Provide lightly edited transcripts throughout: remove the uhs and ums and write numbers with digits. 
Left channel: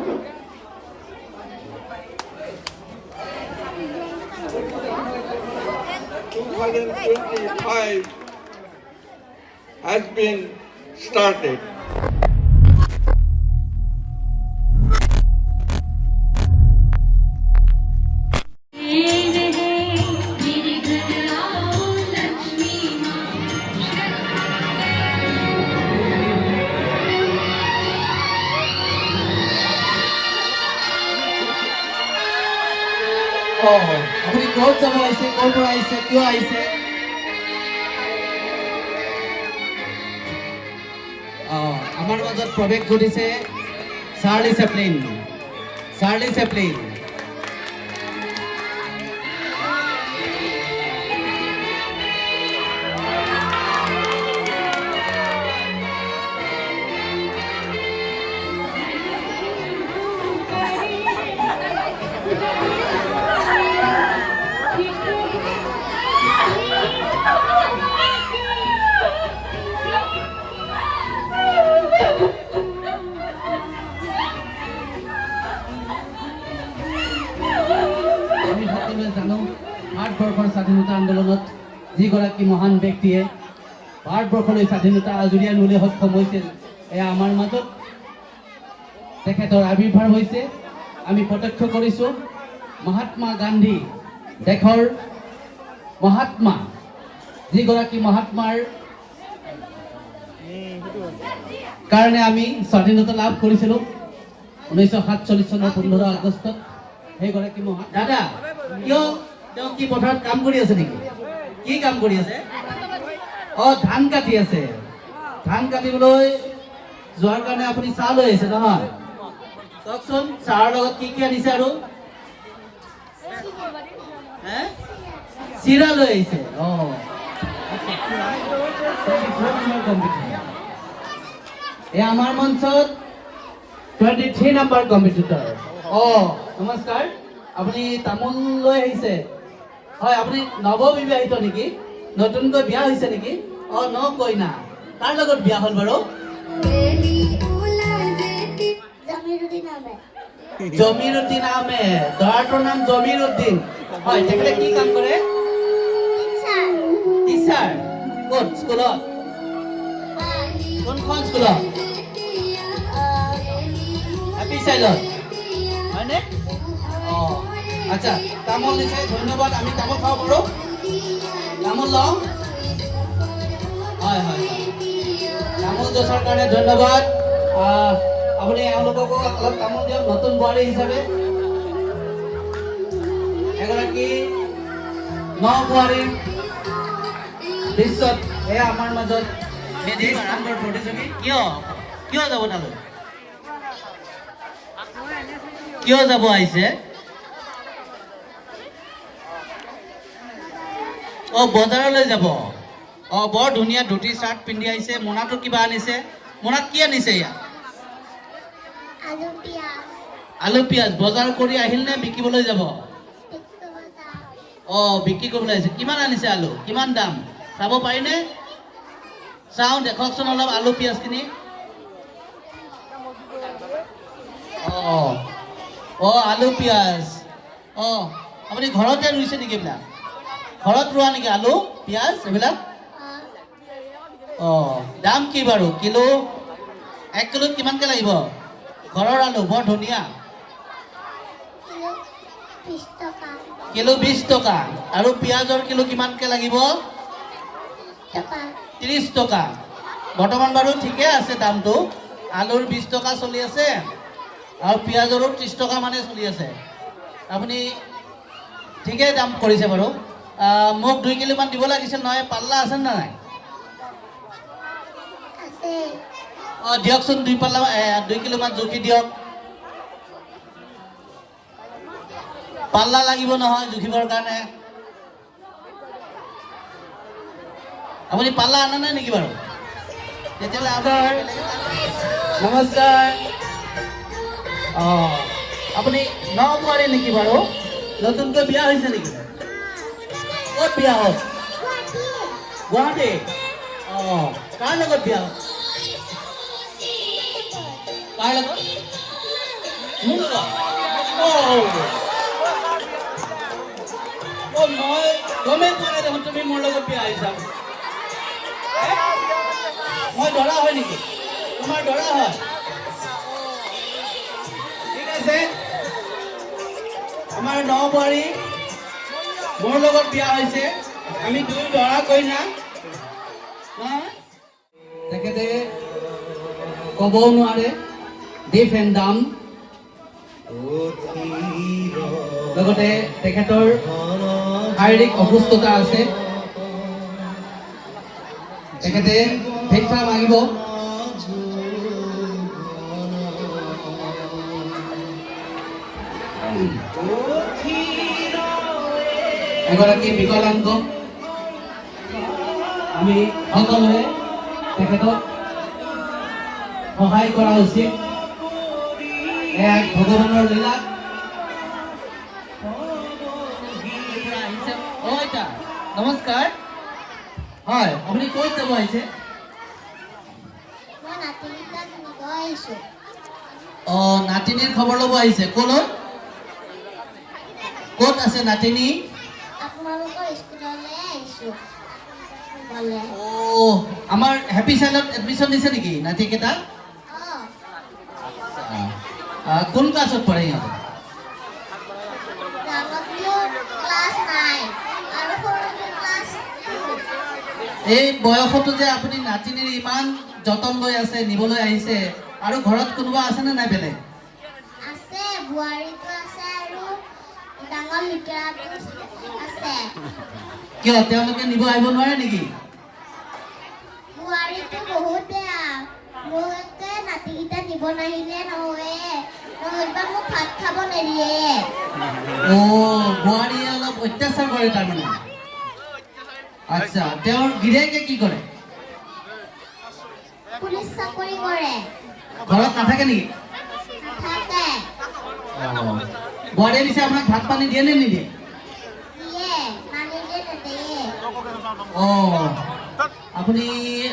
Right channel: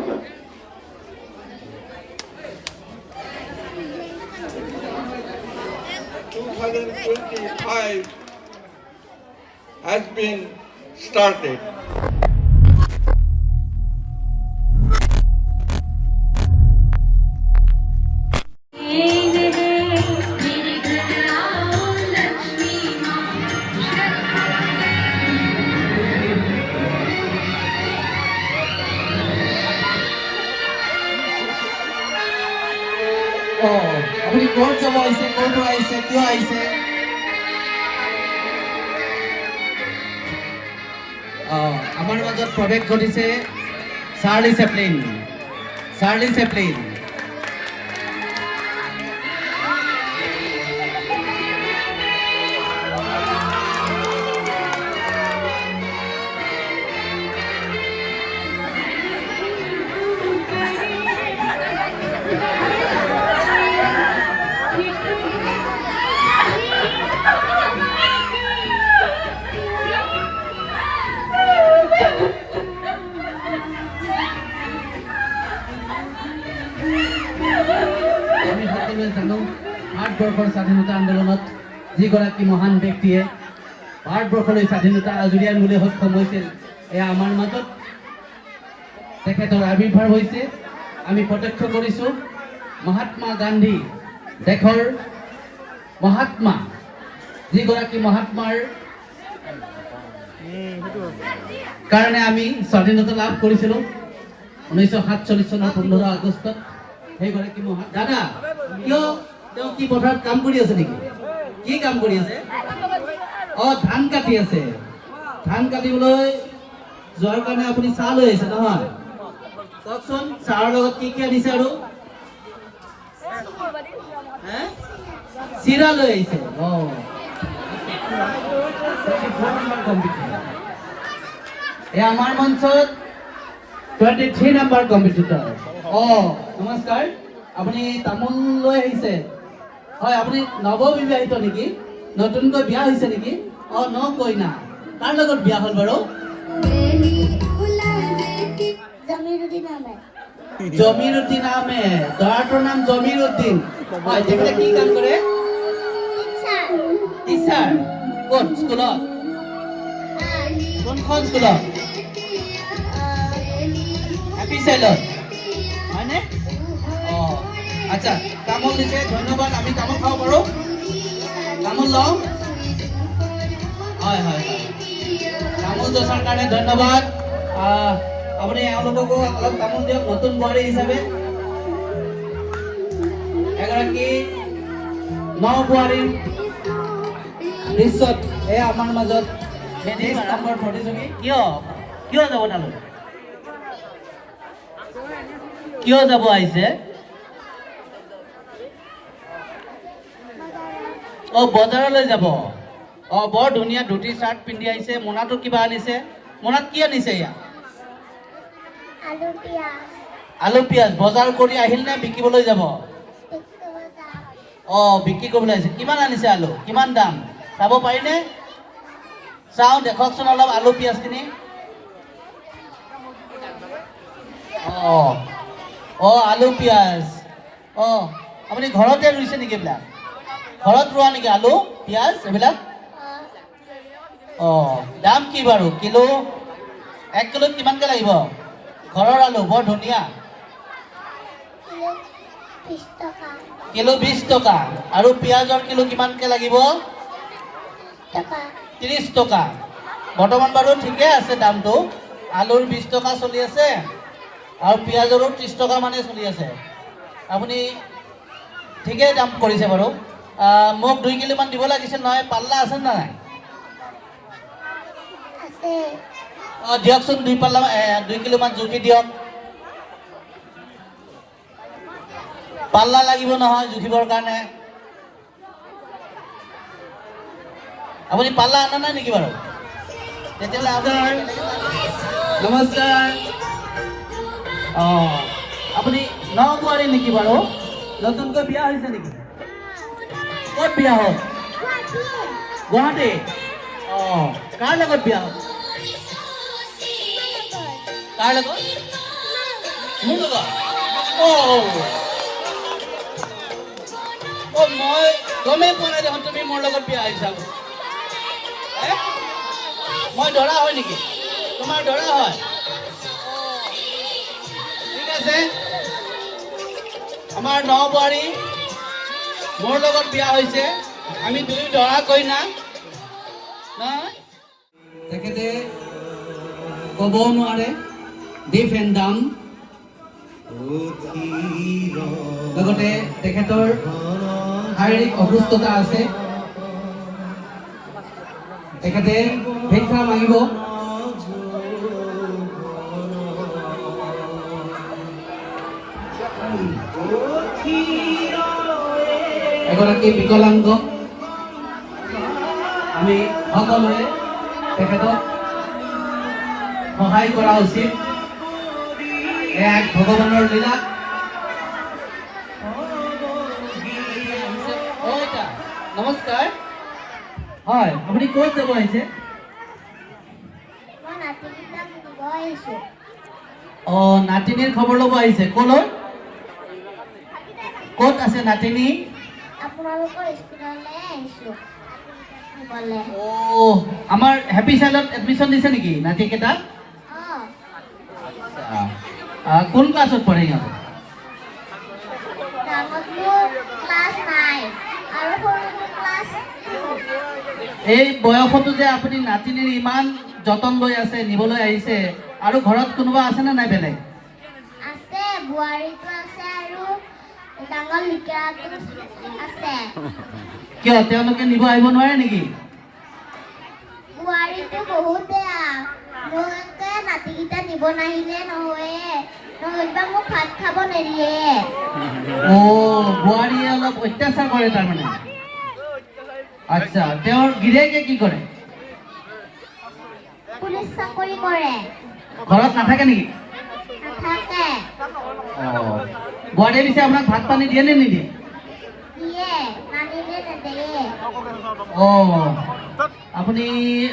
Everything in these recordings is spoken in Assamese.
2025 has been started. আপুনি ক'ত যাব আহিছে, ক'ৰ পৰা আহিছে, কিয় আহিছে? আমাৰ মাজত প্ৰৱেশ ঘটিছে চাৰ্লি চেপলিন। Charlie Chaplin. আমি সকলোৱে জানো ভাৰতবৰ্ষৰ স্বাধীনতা আন্দোলনত যিগৰাকী মহান ব্যক্তিয়ে ভাৰতবৰ্ষলৈ স্বাধীনতা আজুৰি আনিবলৈ সক্ষম হৈছিল, এয়া আমাৰ মাজত তেখেতৰ আৱিৰ্ভাৱ হৈছে। আমি প্ৰত্যক্ষ কৰিছোঁ মহাত্মা গান্ধী, দেশৰ মহাত্মা, যিগৰাকী মহাত্মাৰ কাৰণে আমি স্বাধীনতা লাভ কৰিছিলোঁ 1947 চনৰ 15 আগষ্টত। সেইগৰাকী দাদা কিয় তেওঁ কি পথাৰত কাম কৰি আছে নেকি? কি কাম কৰি আছে? ধান কাটি আছে। ধান কাটিবলৈ যোৱাৰ কাৰণে আপুনি চাহ লৈ আহিছে নহয়? কওকচোন চাহৰ লগত কি কি আনিছে আৰু? চিৰা লৈ আহিছে। এই আমাৰ মঞ্চত 23 নম্বৰ কম্পিটিটৰ। নমস্কাৰ, আপুনি তামোল লৈ আহিছে? হয়, আপুনি নৱবিবাহিত নেকি? নতুনকৈ বিয়া হৈছে নেকি? ন কইনা। কাৰ লগত বিয়া হ'ল বাৰু? জমিৰুদ্দিন আহমেদ। দৰাটোৰ নাম জমিৰুদ্দিন। হয়, তেখেতে কি কাম কৰে? টিচাৰ। ক'ত স্কুলত? কোনখন স্কুলত? হেপী চাইল্ডত হয়নে? আচ্ছা, তামোল দিছে, ধন্যবাদ। আমি তামোল খাব পাৰোঁ? তামোল লওঁ? হয় হয় হয়, তামোল যচাৰ কাৰণে ধন্যবাদ। আপুনি এওঁলোককো অলপ তামোল দিয়ক নতুন বোৱাৰী হিচাপে। এগৰাকী নবোৱাৰী দৃশ্যত এয়া আমাৰ মাজত নম্বৰ প্ৰতিযোগী। কিয় যাব তালৈ? কিয় যাব আহিছে? বজাৰলৈ যাব। বৰ ধুনীয়া ধুতি চাৰ্ট পিন্ধি আহিছে। মোনাটো কিবা আনিছে। মোনাত কি আনিছে? আলু পিয়াজ। বজাৰ কৰি আহিল নে বিকিবলৈ যাব? বিক্ৰী কৰিবলৈ আহিছে। কিমান আনিছে আলু? কিমান দাম চাব পাৰিনে? চাওঁ, দেখকচোন অলপ আলু পিয়াজখিনি। আলু পিয়াজ। আপুনি ঘৰতে ৰুইছে নেকি এইবিলাক? ঘৰত ৰোৱা নেকি আলু পিয়াজ এইবিলাক? দাম কি বাৰু কিলো? 1 কিলোত কিমানকে লাগিব? ঘৰৰ আলু বৰ ধুনীয়া। কিলো 20 টকা। আৰু পিয়াজৰ কিলো কিমানকে লাগিব? 30 টকা। বৰ্তমান বাৰু ঠিকে আছে দামটো। আলুৰ 20 টকা চলি আছে আৰু পিয়াজৰো 30 টকা মানে চলি আছে। আপুনি ঠিকেই দাম কৰিছে বাৰু। মোক 2 কিলোমান দিব লাগিছিল নহয়। পাল্লা আছে নে নাই? দিয়কচোন 2 কিলোমান জুখি দিয়ক। পাল্লা লাগিব নহয় জুখিবৰ কাৰণে। আপুনি পাল্লা আনা নাই নেকি বাৰু? তেতিয়াহ'লে আপোনাৰ নমস্কাৰ। আপুনি নবোৱাৰী নেকি বাৰু? নতুনকৈ বিয়া হৈছে নেকি? ক'ত বিয়া হ'ল? গুৱাহাটী। কাৰ লগত বিয়া হ'ল? কাৰ লগত? মোৰ লগত মই গমেই পোৱা নাই দেখোন তুমি মোৰ লগত বিয়া আহিছা মই দৰা হয় নেকি তোমাৰ দৰা হয় ঠিক আছে আমাৰ নবোৱাৰী মোৰ লগত বিয়া হৈছে আমি দুই দৰা কইনা তেখেতে ক'বও নোৱাৰে ডিফ এণ্ড ডাম লগতে তেখেতৰ শাৰীৰিক অসুস্থতা আছে তেখেতে ভিক্ষা মাগিব এগৰাকী বিকলাংগ আমি সকলোৱে তেখেতক সহায় কৰা উচিত এক ভগৱানৰ লীলা নমস্কাৰ হয় আপুনি ক'ত যাব আহিছে নাতিনীৰ খবৰ ল'ব আহিছে ক'লৈ ক'ত আছে নাতিনী আমাৰ হেপী চাইল্ডত এডমিশ্যন দিছে নেকি নাতিকেইটা কোন ক্লাছত পঢ়ে সিহঁতে এই বয়সতো যে আপুনি নাতিনীৰ ইমান যতন লৈ আছে নিবলৈ আহিছে আৰু ঘৰত কোনোবা আছে নে নাই বেলেগ আছে বুৱাৰীটো আছে আৰু ডাঙৰ লিটাৰটো আছে কিয় তেওঁলোকে নিব আহিব নোৱাৰে নেকি বুৱাৰীটো বহুত বেয়া মোকে নাতিকেইটা নিব নাহিলে নহ'বা মোক ভাত খাব নিদিয়ে বুৱাৰীয়ে অলপ অত্যাচাৰ কৰে তাৰমানে আচ্ছা তেওঁৰ গিৰিয়েকে কি কৰে পুলিচ চাকৰি কৰে ঘৰত নাথাকে নেকি থাকে বুৱাৰীয়ে পিছে আপোনাক ভাত পানী দিয়ে নে নিদিয়ে দিয়ে নানিলে নিদিয়ে আপুনি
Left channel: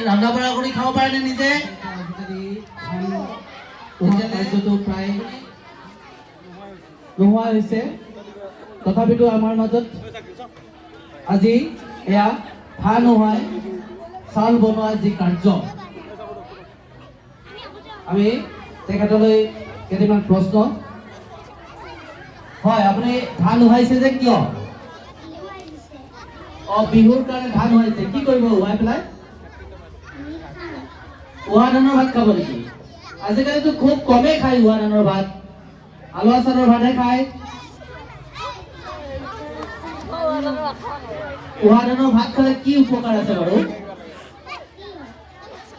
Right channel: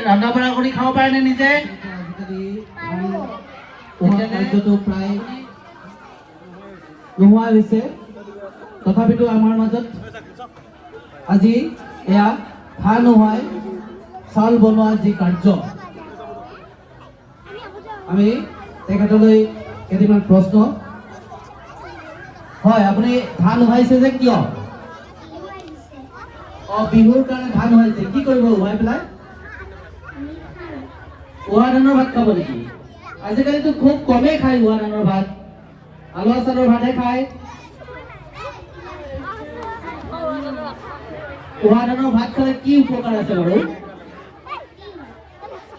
ৰন্ধা বঢ়া কৰি খাব পাৰে নে নিজে কাৰ্যটো প্ৰায় নোহোৱা হৈছে তথাপিতো আমাৰ মাজত আজি এয়া ভাত নোহোৱাই চাউল বনোৱা যি কাৰ্য আমি তেখেতলৈ কেইটামান প্ৰশ্ন হয় আপুনি ধান উহাইছে যে কিয় বিহুৰ কাৰণে ধান উহাইছে কি কৰিব উহাই পেলাই উহা ধানৰ ভাত খাব নেকি আজিকালিতো খুব কমেই খায় উহা ধানৰ ভাত আলুৱা চাউলৰ ভাতহে খায় উহা ধানৰ ভাত খালে কি উপকাৰ আছে বাৰু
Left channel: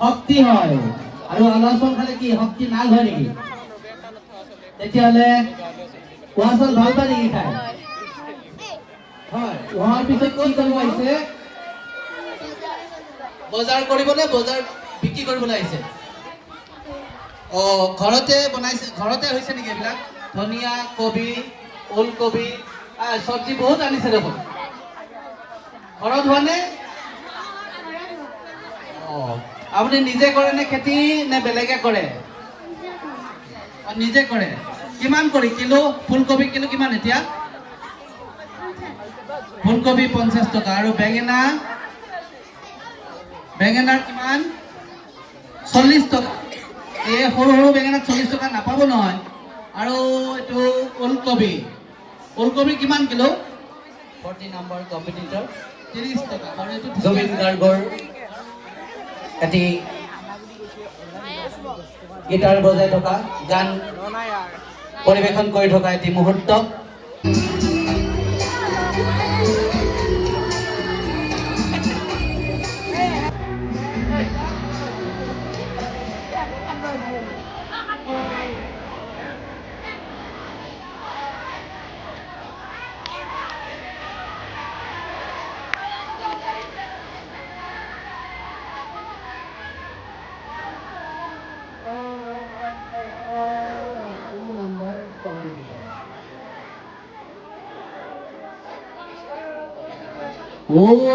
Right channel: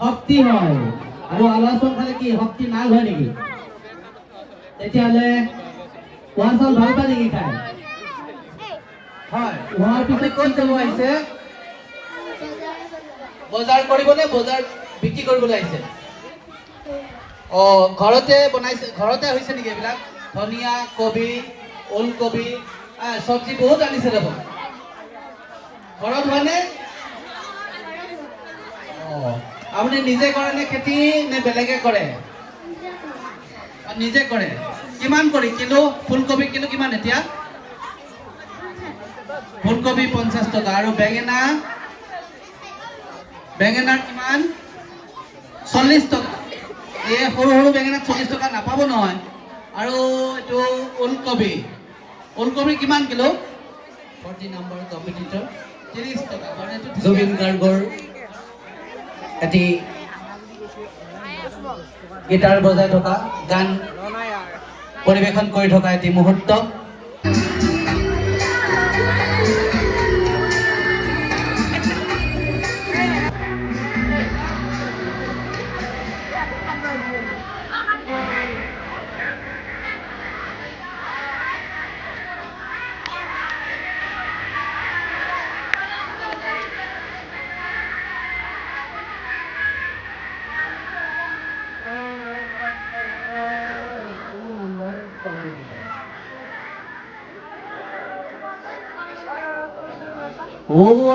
শক্তি হয় আৰু আলুৱা চাউল খালে কি শক্তি নাল হয় নেকি তেতিয়াহ'লে উহা চাউল ভাল পায় নেকি খায় হয় উহাৰ পিছত কি কৰিব আহিছে বজাৰ কৰিবনে বজাৰ বিক্ৰী কৰিবলৈ আহিছে ঘৰতে বনাইছে ঘৰতে হৈছে নেকি এইবিলাক ধনিয়া কবি ওলকবি চব্জি বহুত আনিছে দেখোন ঘৰত হোৱানে আপুনি নিজে কৰে নে খেতি নে বেলেগে কৰে নিজে কৰে কিমান কৰি কিলো ফুলকবি কিলো কিমান এতিয়া ফুলকবি 50 টকা আৰু বেঙেনাৰ কিমান 40 টকা এই সৰু সৰু বেঙেনাত 40 টকা নাপাব নহয় আৰু এইটো ওলকবি কিমান কিলো 40 নম্বৰ কম্পিটিটৰ 30 টকা মানে এইটো জুবিন গাৰ্গৰ এটি গিটাৰ বজাই থকা গান পৰিৱেশন কৰি থকা এটি মুহূৰ্ত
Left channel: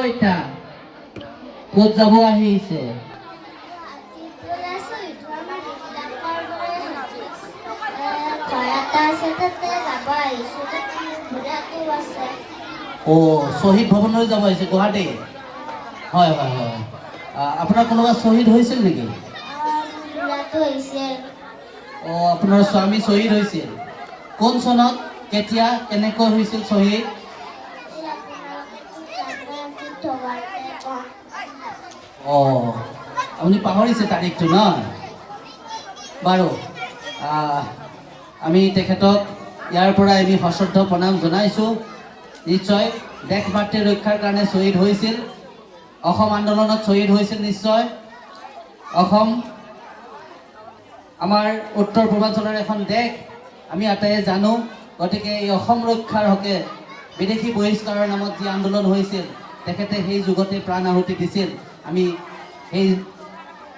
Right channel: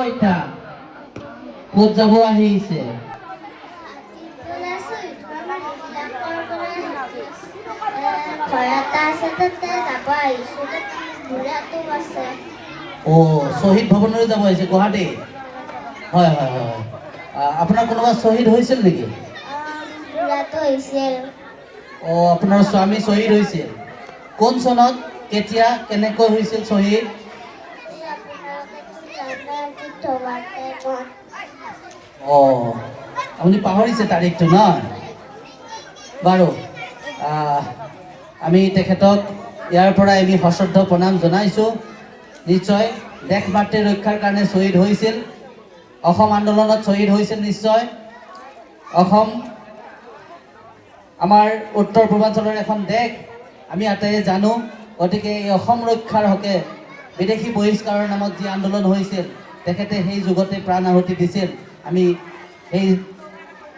আইতা ক'ত যাব আহিছে ঘৰত ঘৰ এটা আছে তাতে যাব আহিছোঁ তাতে বুঢ়াটো আছে শ্বহীদ ভৱনলৈ যাব আহিছে গুৱাহাটী হয় হয় হয় আপোনাৰ কোনোবা শ্বহীদ হৈছিল নেকি বুঢ়াটো হৈছিল আপোনাৰ স্বামী শ্বহীদ হৈছিল কোন চনত কেতিয়া কেনেকৈ হৈছিল শ্বহীদ আপুনি পাহৰিছে তাৰিখটো ন বাৰু আমি তেখেতক ইয়াৰ পৰা আমি সশ্ৰদ্ধ প্ৰণাম জনাইছোঁ নিশ্চয় দেশ মাতৃ ৰক্ষাৰ কাৰণে শ্বহীদ হৈছিল অসম আন্দোলনত শ্বহীদ হৈছিল নিশ্চয় অসম আমাৰ উত্তৰ পূৰ্বাঞ্চলৰ এখন দেশ আমি আটাইয়ে জানো গতিকে এই অসম ৰক্ষাৰ হকে বিদেশী বহিষ্কাৰৰ নামত যি আন্দোলন হৈছিল তেখেতে সেই যুগতে প্ৰাণ আহুতি দিছিল আমি এই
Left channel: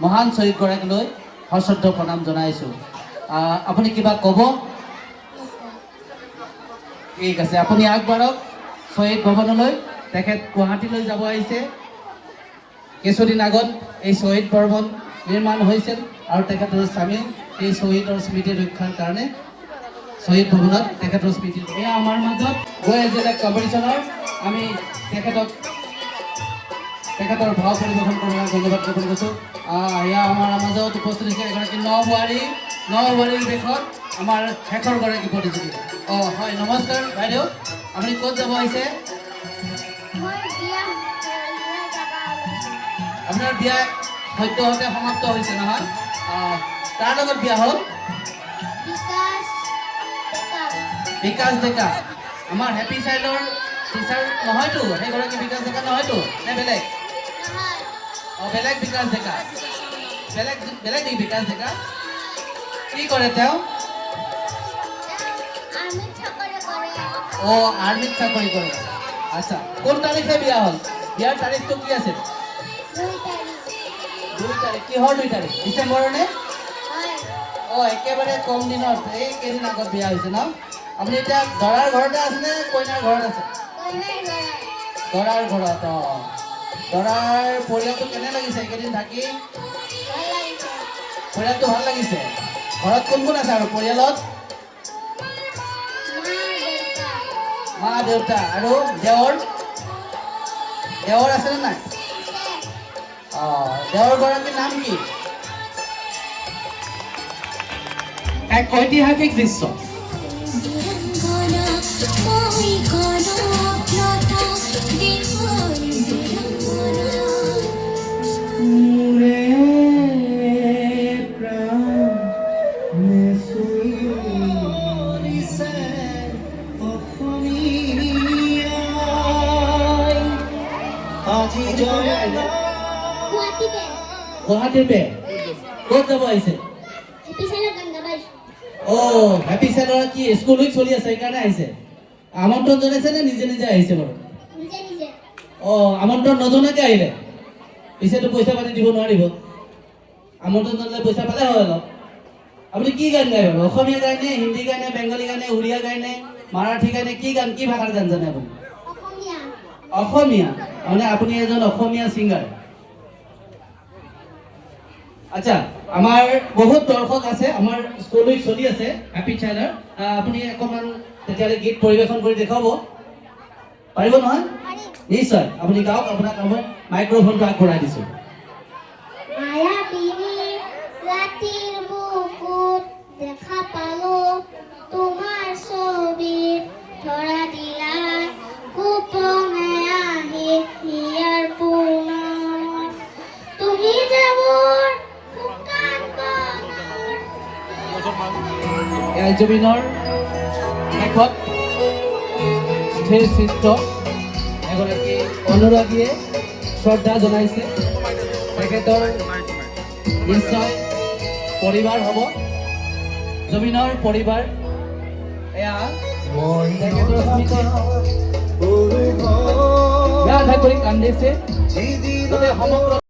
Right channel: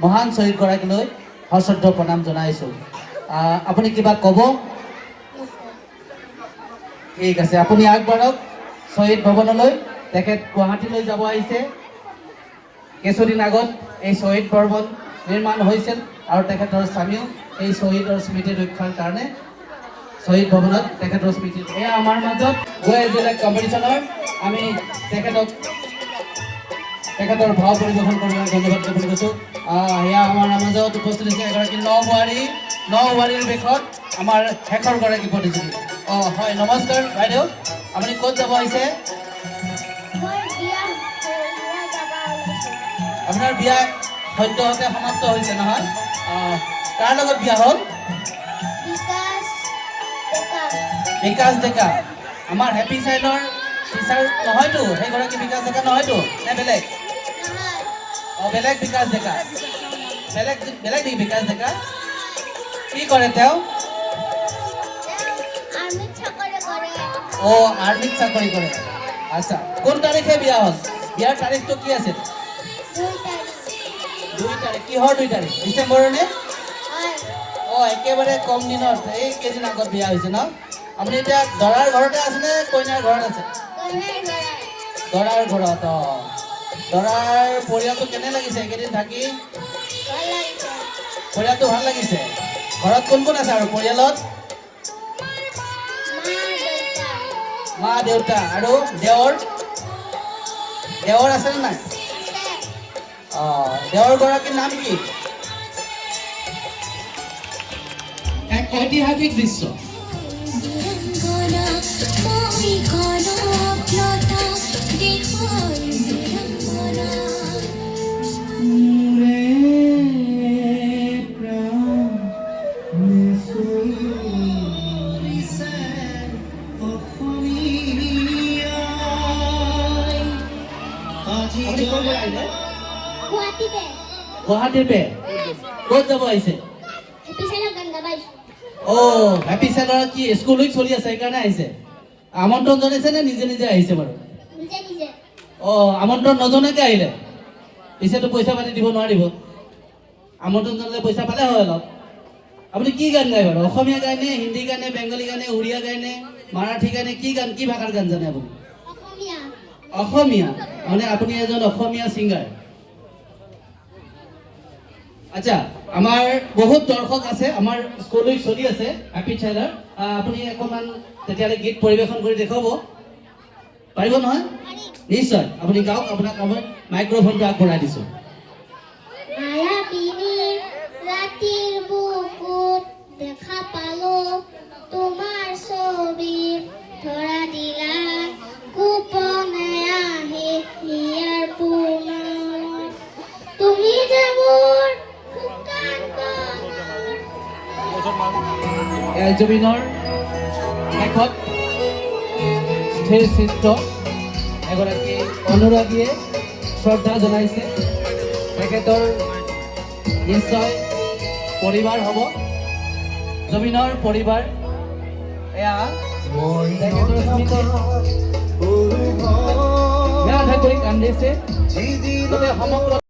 মহান শ্বহীদগৰাকীলৈ সশ্ৰদ্ধ প্ৰণাম জনাইছোঁ আপুনি কিবা ক'ব ঠিক আছে আপুনি আগবাঢ়ক শ্বহীদ ভৱনলৈ তেখেত গুৱাহাটীলৈ যাব আহিছে কিছুদিন আগত এই শ্বহীদ ভৱন নিৰ্মাণ হৈছিল আৰু তেখেতৰ স্বামীও এই শ্বহীদৰ স্মৃতি ৰক্ষাৰ কাৰণে শ্বহীদ ভৱনত তেখেতৰ স্মৃতি এয়া আমাৰ মাজত গৈ এজনে কম্পিটিশ্যনৰ আমি তেখেতৰ ভাও পৰিৱেশন কৰিবলৈ ধন্যবাদ জ্ঞাপন কৰিছোঁ এয়া আমাৰ মাজত উপস্থিত হৈছে এগৰাকী নবোৱাৰীৰ বেশত আমাৰ শেষৰ গৰাকী প্ৰতিযোগী হয় নমস্কাৰ বাইদেউ আপুনি ক'ত যাব আহিছে আপোনাৰ বিয়া সদ্যহতে সমাপ্ত হৈছে নহয় কাৰ লগত বিয়া হ'ল বিকাশ ডেকা আমাৰ হেপী চাইল্ডৰ টিচাৰ নহয়তো সেইগৰাকী বিকাশ ডেকা নহয়তো নে বেলেগ বেলেগ বিকাশ ডেকা বেলেগ নেকি বিকাশ ডেকা কি কৰে তেওঁ আৰ্মিত চাকৰি কৰে আচ্ছা কোন তাৰিখে বিয়া হ'ল বিয়াৰ তাৰিখটো কি আছিল 2 তাৰিখ কিহৰ 2 তাৰিখ ডিচেম্বৰৰ নে একেবাৰে কম দিনত এই কেইদিন আগত বিয়া হৈছে ন আপুনি এতিয়া দৰাৰ ঘৰতে আছে নে কইনাৰ ঘৰত আছে দৰাৰ ঘৰত দৰাৰ পৰিয়ালটো কেনে লাগিছে এইকেইদিন থাকি পৰিয়ালটো ভাল লাগিছে ঘৰত কোন কোন আছে আৰু পৰিয়ালত মা দেউতা আৰু দেৱৰ আছে নে নাই দেৱৰ গৰাকীৰ নাম কি এক ঐতিহাসিক দৃশ্য গুৱাহাটীৰ পে ক'ত যাব আহিছে হেপী চেলৰ কি স্কুল উইক চলি আছে সেইকাৰণে আহিছে আমন্ত্ৰণ জনাইছে নে নিজে নিজে আহিছে বাৰু আমন্ত্ৰণ নজনাকে আহিলে পিছেতো পইচা পাতি দিব নোৱাৰিব আমন্ত্ৰণ জনালে পইচা পালে হয় অলপ আপুনি কি গান গায় বাৰু অসমীয়া গায় নে হিন্দী গায় নে বেংগলী গায় নে উৰিয়া গায় নে মাৰাঠী গায় নে কি ভাষাৰ গান জানে আপুনি অসমীয়া মানে আপুনি এজন অসমীয়া ছিংগাৰ আচ্ছা আমাৰ বহুত দৰ্শক আছে আমাৰ স্কুল উইক চলি আছে হেপী চাইল্ডৰ আপুনি অকণমান তেতিয়াহ'লে গীত পৰিৱেশন কৰি দেখুৱাব পাৰিব নহয় নিশ্চয় আপুনি গাওক আপোনাক মই মাইক্ৰফোনটো আগবঢ়াই দিছোঁ দেখা পালো তোমাৰ ছবি ধৰা দিলা গোপনে আহি ইয়াৰ পুনৰ তুমি যাবৰ জুবিনৰ শেষত স্থিৰ চিত্ৰ এগৰাকী অনুৰাগীয়ে শ্ৰদ্ধা জনাইছে তেখেতৰ নিশ্চয় পৰিবাৰ হ'ব জুবিনৰ পৰিবাৰ এয়া তেখেতৰ স্মৃতিত বেয়া কৰি কান্দিছে সমগ্ৰ